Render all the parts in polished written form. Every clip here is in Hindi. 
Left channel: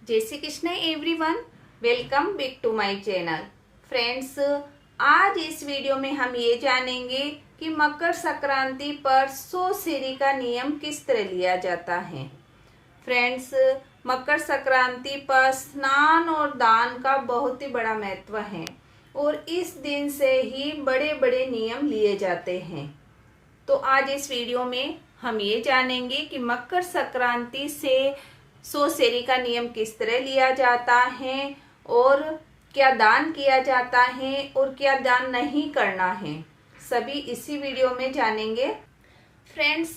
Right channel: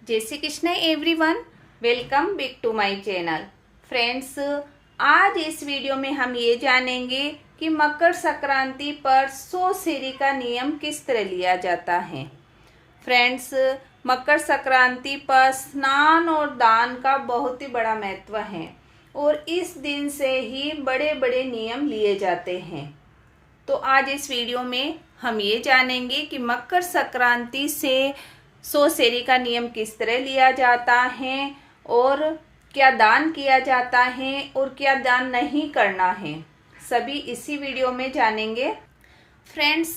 जय Shri Krishna everyone, welcome back to my channel. Friends, आज इस वीडियो में हम ये जानेंगे कि मकर संक्रांति पर सोशेरी का नियम किस तरह लिया जाता है। फ्रेंड्स, मकर संक्रांति पर स्नान और दान का बहुत ही बड़ा महत्व है और इस दिन से ही बड़े बड़े नियम लिए जाते हैं। तो आज इस वीडियो में हम ये जानेंगे कि मकर संक्रांति से सोशेरी का नियम किस तरह लिया जाता है और क्या दान किया जाता है और क्या दान नहीं करना है, सभी इसी वीडियो में जानेंगे। फ्रेंड्स,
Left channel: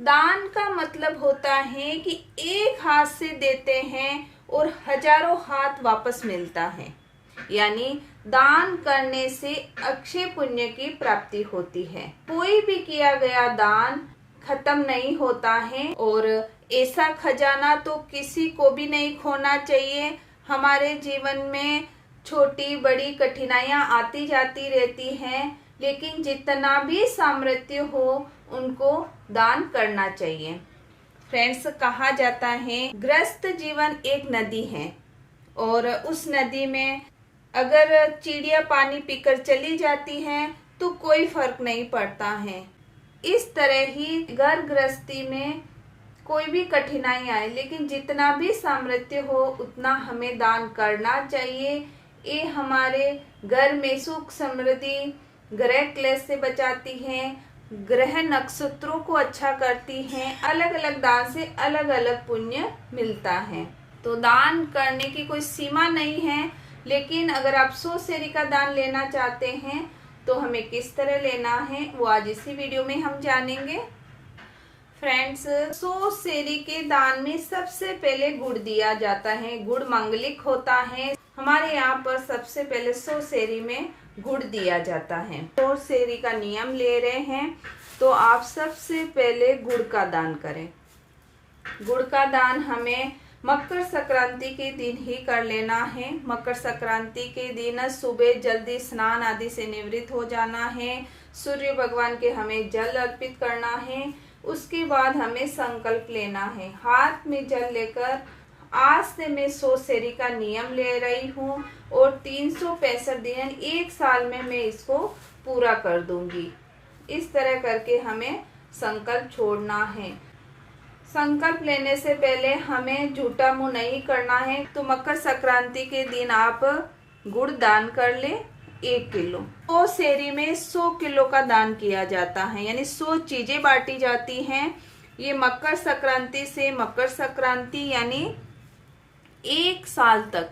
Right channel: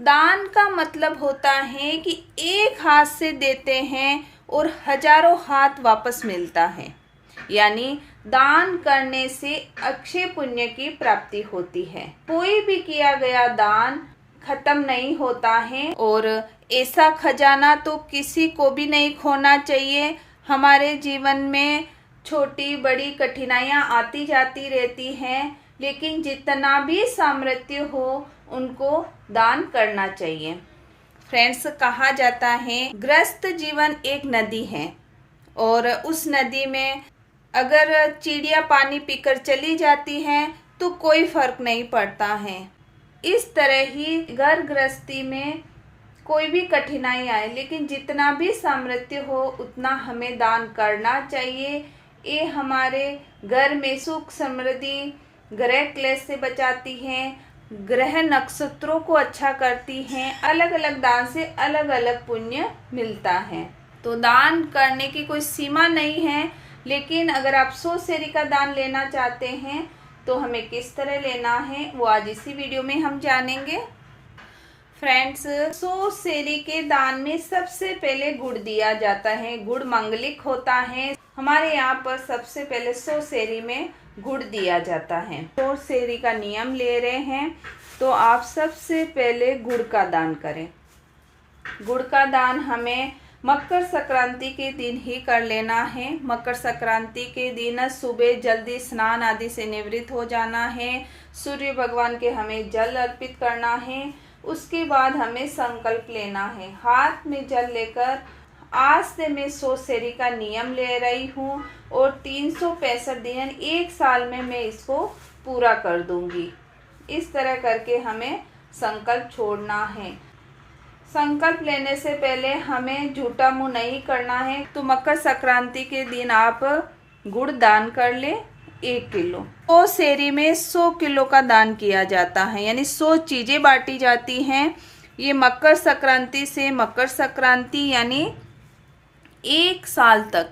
दान का मतलब होता है कि एक हाथ से देते हैं और हजारों हाथ वापस मिलता है, यानी दान करने से अक्षय पुण्य की प्राप्ति होती है। कोई भी किया गया दान खत्म नहीं होता है और ऐसा खजाना तो किसी को भी नहीं खोना चाहिए। हमारे जीवन में छोटी बड़ी कठिनाइयां आती जाती रहती हैं, लेकिन जितना भी सामर्थ्य हो उनको दान करना चाहिए। फ्रेंड्स, कहा जाता है ग्रस्त जीवन एक नदी है और उस नदी में अगर चिड़िया पानी पीकर चली जाती है तो कोई फर्क नहीं पड़ता है। इस तरह ही घर गृहस्थी में कोई भी कठिनाई आए, लेकिन जितना भी सामर्थ्य हो उतना हमें दान करना चाहिए। ये हमारे घर में सुख समृद्धि, ग्रह क्लेश से बचाती हैं, ग्रह नक्षत्रों को अच्छा करती हैं। अलग अलग दान से अलग अलग पुण्य मिलता है। तो दान करने की कोई सीमा नहीं है, लेकिन अगर आप सोशेरी का दान लेना चाहते हैं तो हमें किस तरह लेना है वो आज इसी वीडियो में हम जानेंगे। फ्रेंड्स, सोशेरी के दान में सबसे पहले गुड़ दिया जाता है। गुड़ मंगलिक होता है। हमारे यहाँ पर सबसे पहले सोशेरी में गुड़ दिया जाता है। सोशेरी का नियम ले रहे हैं तो आप सबसे पहले गुड़ का दान करें। गुड़ का दान हमें मकर संक्रांति के दिन ही कर लेना है। मकर संक्रांति के दिन सुबह जल्दी स्नान आदि से निवृत्त हो जाना है। सूर्य भगवान के हमें जल अर्पित करना है। उसके बाद हमें संकल्प लेना है। हाथ में जल लेकर आज से मैं सोशेरी का नियम ले रही हूँ और 365 दिन एक साल में मैं इसको पूरा कर दूंगी। इस तरह करके हमें संकल्प छोड़ना है। संकल्प लेने से पहले हमें झूठा मुंह नहीं करना है। तो मकर संक्रांति के दिन आप गुड़ दान कर ले 1 किलो। सोशेरी में 100 किलो का दान किया जाता है, यानी 100 चीजें बांटी जाती हैं। ये मकर संक्रांति से मकर संक्रांति यानी 1 साल तक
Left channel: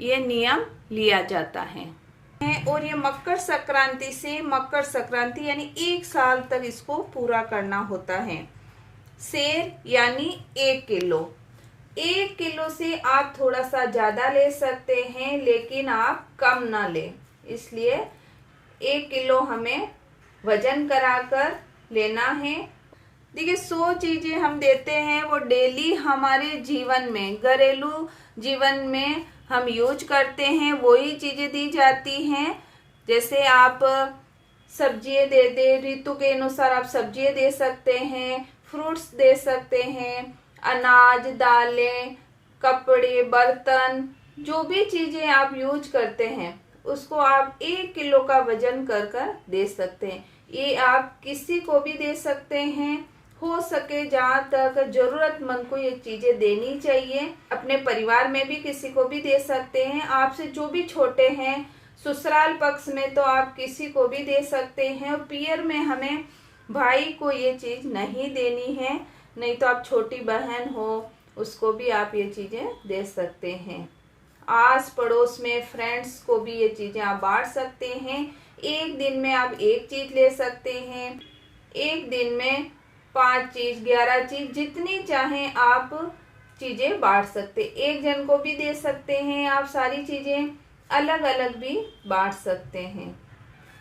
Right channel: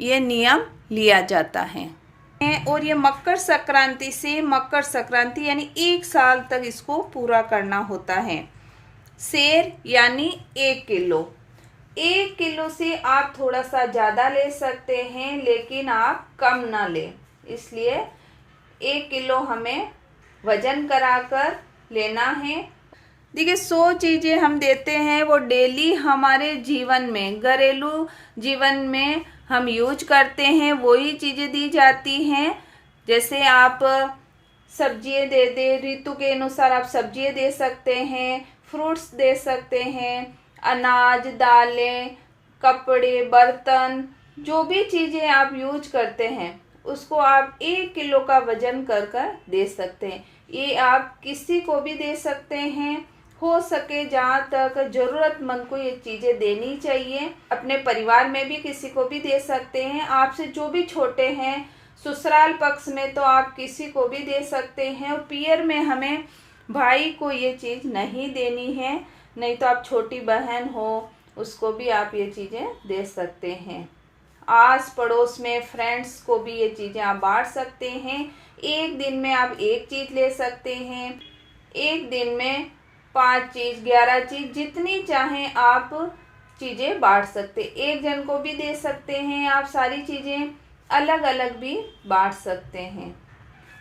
ये नियम लिया जाता है और ये मकर संक्रांति से मकर संक्रांति यानी 1 साल तक इसको पूरा करना होता है। सेर यानी 1 किलो। 1 किलो से आप थोड़ा सा ज्यादा ले सकते हैं, लेकिन आप कम ना लें। इसलिए 1 किलो हमें वजन कराकर लेना है। देखिए, 100 चीजें हम देते हैं वो डेली हमारे जीवन में, घरेलू जीवन में हम यूज करते हैं, वही चीजें दी जाती हैं। जैसे आप सब्जियां दे दे, ऋतु के अनुसार आप सब्जियां दे सकते हैं, फ्रूट्स दे सकते हैं, अनाज, दालें, कपड़े, बर्तन, जो भी चीजें आप यूज करते हैं उसको आप 1 किलो का वजन कर कर दे सकते हैं। ये आप किसी को भी दे सकते हैं। हो सके जहाँ तक जरूरतमंद को ये चीजें देनी चाहिए। अपने परिवार में भी किसी को भी दे सकते हैं। आपसे जो भी छोटे हैं, ससुराल पक्ष में तो आप किसी को भी दे सकते हैं। और पियर में हमें भाई को ये चीज नहीं देनी है, नहीं तो आप छोटी बहन हो उसको भी आप ये चीजें दे सकते हैं। आस पड़ोस में फ्रेंड्स को भी ये चीजें आप बांट सकते हैं। एक दिन में आप 1 चीज ले सकते हैं, एक दिन में 5 चीज, 11 चीज, जितनी चाहें आप चीजें बांट सकते। एक जन को भी दे सकते हैं आप। सारी चीजें अलग अलग भी बांट सकते हैं।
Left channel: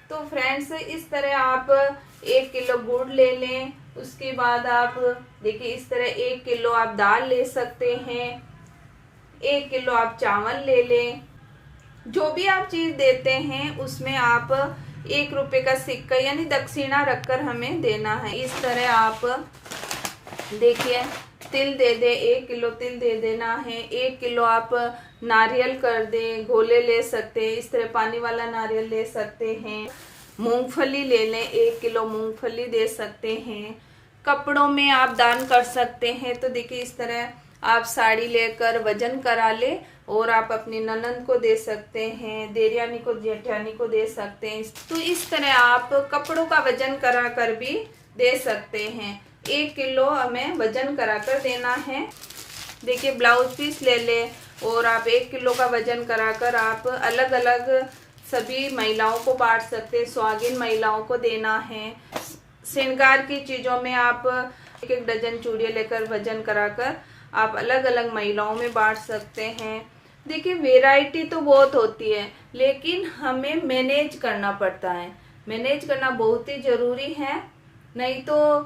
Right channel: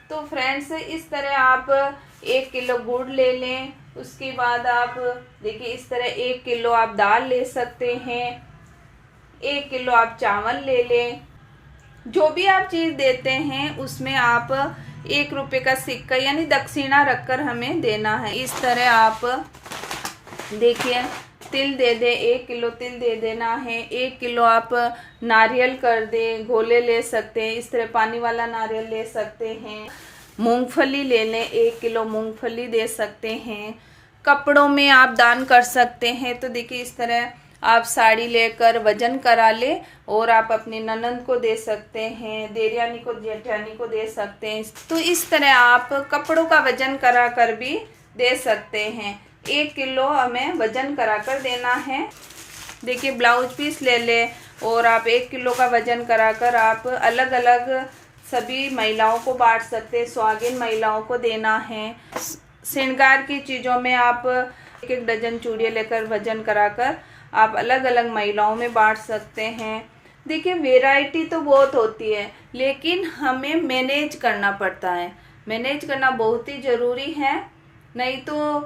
तो फ्रेंड्स, इस तरह आप 1 किलो गुड़ ले लें। उसके बाद आप देखिए, इस तरह 1 किलो आप दाल ले सकते हैं, 1 किलो आप चावल ले लें। जो भी आप चीज देते हैं उसमें आप 1 रुपए का सिक्का यानी दक्षिणा रखकर हमें देना है। इस तरह आप देखिए तिल दे दे, 1 किलो तिल दे देना है। 1 किलो आप नारियल कर दे, घोले ले सकते हैं, इस तरह पानी वाला नारियल ले सकते हैं। मूंगफली ले लें, 1 किलो मूंगफली दे सकते हैं। कपड़ों में आप दान कर सकते हैं, तो देखिए इस तरह आप साड़ी लेकर वजन करा ले और आप अपनी ननंद को दे सकते हैं, देवरानी को, जेठानी को दे सकते हैं। तो इस तरह आप कपड़ों का वजन करा कर भी दे सकते हैं। 1 किलो हमें वजन करा कर देना है। देखिए ब्लाउज पीस ले ले और आप 1 किलो का वजन करा कर आप अलग अलग सभी महिलाओं को बांट सकते हैं। सुहागिन महिलाओं को देना है। श्रृंगार की चीज़ों में आप 1-1 डजन चूड़ियाँ लेकर वजन कराकर आप अलग अलग महिलाओं में बांट सकते हैं। देखिए वैरायटी तो बहुत होती है, लेकिन हमें मैनेज करना पड़ता है। मैनेज करना बहुत ही ज़रूरी है, नहीं तो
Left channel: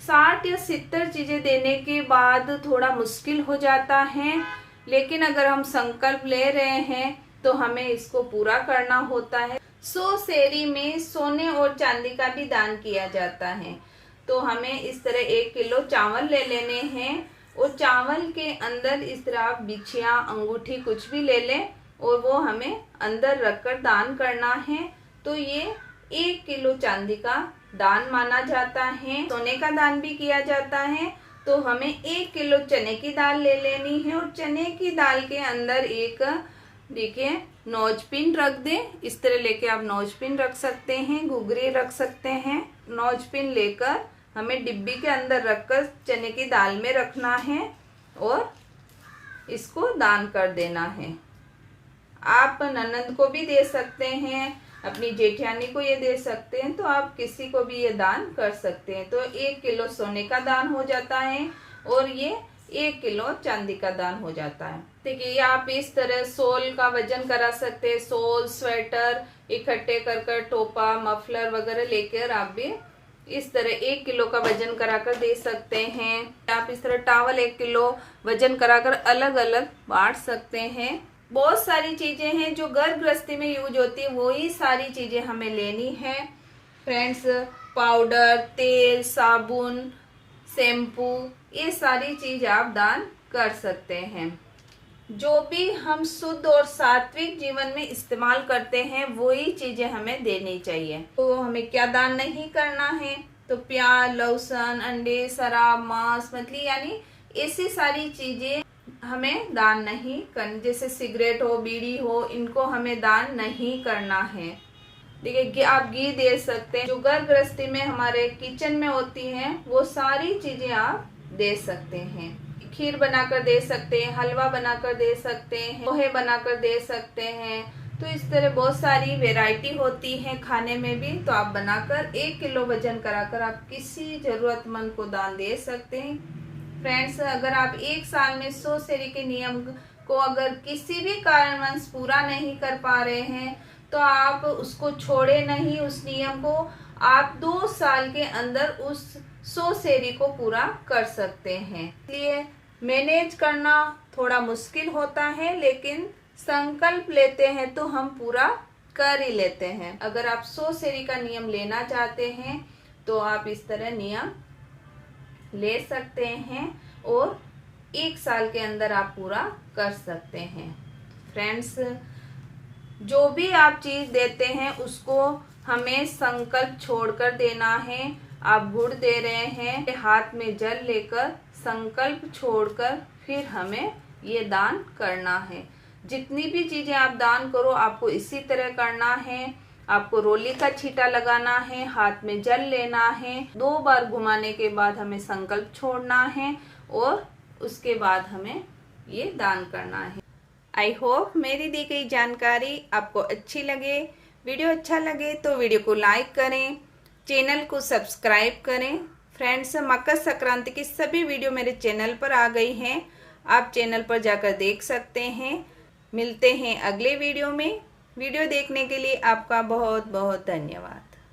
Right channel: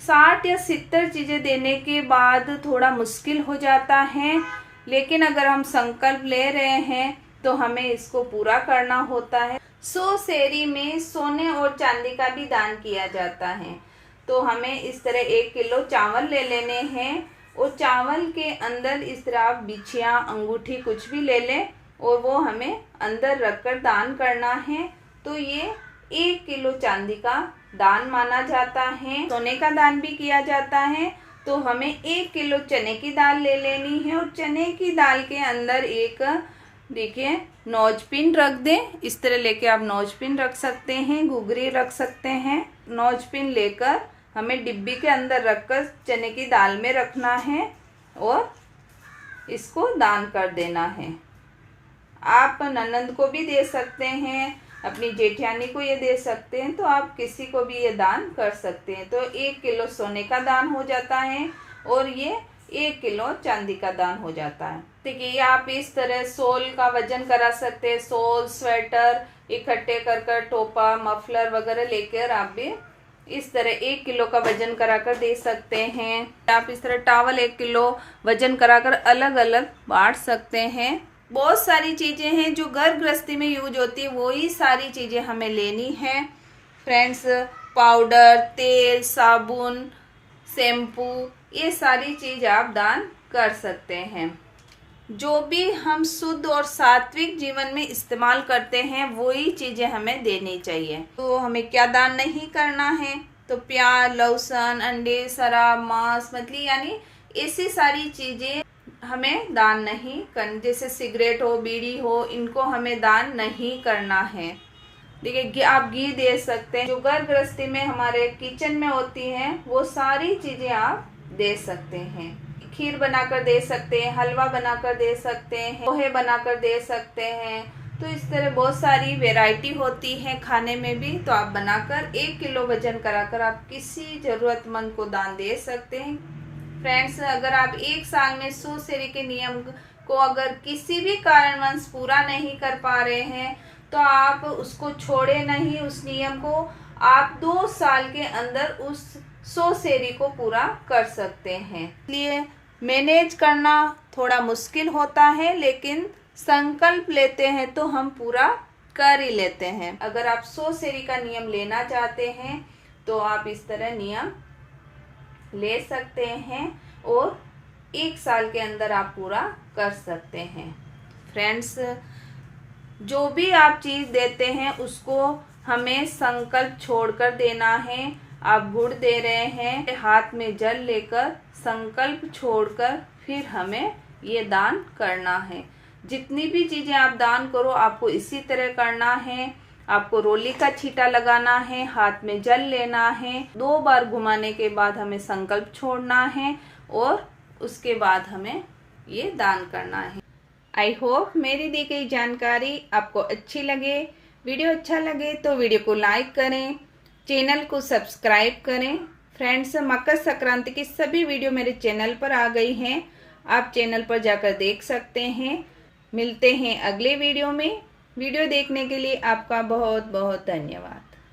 60 या 70 चीज़ें देने के बाद थोड़ा मुश्किल हो जाता है। लेकिन अगर हम संकल्प ले रहे हैं तो हमें इसको पूरा करना होता है। 100 सेरी में सोने और चांदी का भी दान किया जाता है। तो हमें इस तरह 1 किलो चावल ले लेने हैं और चावल के अंदर इस तरह आप बिछिया, अंगूठी कुछ भी ले लें और वो हमें अंदर रखकर दान करना है। तो ये 1 किलो चांदी का दान माना जाता है। सोने का दान भी किया जाता है। तो हमें 1 किलो चने की दाल ले लेनी है और चने की दाल के अंदर एक देखिए नौज पिन रख दें। इस तरह लेके आप नौज पिन रख सकते हैं, घुघरी रख सकते हैं। नौज पिन लेकर हमें डिब्बी के अंदर रखकर चने की दाल में रखना है और इसको दान कर देना है। आप ननंद को भी दे सकते हैं, अपनी जेठानी को ये दे सकते हैं, तो आप किसी को भी ये दान कर सकते हैं। तो 1 किलो सोने का दान हो जाता है और ये 1 किलो चांदी का दान हो जाता है। देखिए आप इस तरह सोल का वजन करा सकते हैं। सोल, स्वेटर इकट्ठे कर टोपा, मफलर वगैरह लेकर आप भी इस तरह 1 किलो का वजन कराकर दे सकते हैं। आप इस तरह टावल 1 किलो वजन कराकर अलग अलग बांट सकते हैं। बहुत सारी चीजें हैं जो घर गृहस्थी में यूज होती है, वही सारी चीजें हमें लेनी है फ्रेंड्स। पाउडर, तेल, साबुन, शैम्पू, ये सारी चीज आप दान कर सकते हैं। जो भी हम शुद्ध और सात्विक जीवन में इस्तेमाल करते हैं वही चीजें हमें देनी चाहिए। तो हमें क्या दान नहीं करना है, तो प्याज, लहसुन, अंडे, शराब, मांस, मछली यानी ऐसी सारी चीजें हमें दान नहीं करनी। जैसे सिगरेट हो, बीड़ी हो, इनको हमें दान नहीं करना है। देखिए आप घी दे सकते हैं। जो घर गृहस्थी में हमारे किचन में होती हैं वो सारी चीजें आप दे सकते हैं। खीर बनाकर दे सकते हैं, हलवा बनाकर दे सकते हैं, पोहे बनाकर दे सकते हैं। तो इस तरह बहुत सारी वैरायटी होती है खाने में भी। तो आप बनाकर 1 किलो वजन कराकर आप किसी जरूरतमंद को दान दे सकते हैं। फ्रेंड्स अगर आप 1 साल में 100 सेरी के नियम को अगर किसी भी कारणवश पूरा नहीं कर पा रहे हैं तो आप उसको छोड़े नहीं, उस नियम को आप 2 साल के अंदर उस 100 सेरी को पूरा कर सकते हैं। इसलिए मैनेज करना थोड़ा मुश्किल होता है, लेकिन संकल्प लेते हैं तो हम पूरा कर ही लेते हैं। अगर आप 100 सेरी का नियम लेना चाहते हैं तो आप इस तरह नियम ले सकते हैं और 1 साल के अंदर आप पूरा कर सकते हैं। फ्रेंड्स जो भी आप चीज देते हैं उसको हमें संकल्प छोड़कर देना है। आप गुड़ दे रहे हैं, हाथ में जल लेकर संकल्प छोड़कर फिर हमें ये दान करना है। जितनी भी चीजें आप दान करो आपको इसी तरह करना है। आपको रोली का छींटा लगाना है, हाथ में जल लेना है, 2 बार घुमाने के बाद हमें संकल्प छोड़ना है और उसके बाद हमें ये दान करना है। आई होप मेरी दी गई जानकारी आपको अच्छी लगे। वीडियो अच्छा लगे तो वीडियो को लाइक करें, चैनल को सब्सक्राइब करें। फ्रेंड्स मकर संक्रांति की सभी वीडियो मेरे चैनल पर आ गई हैं, आप चैनल पर जाकर देख सकते हैं। मिलते हैं अगले वीडियो में। वीडियो देखने के लिए आपका बहुत बहुत धन्यवाद।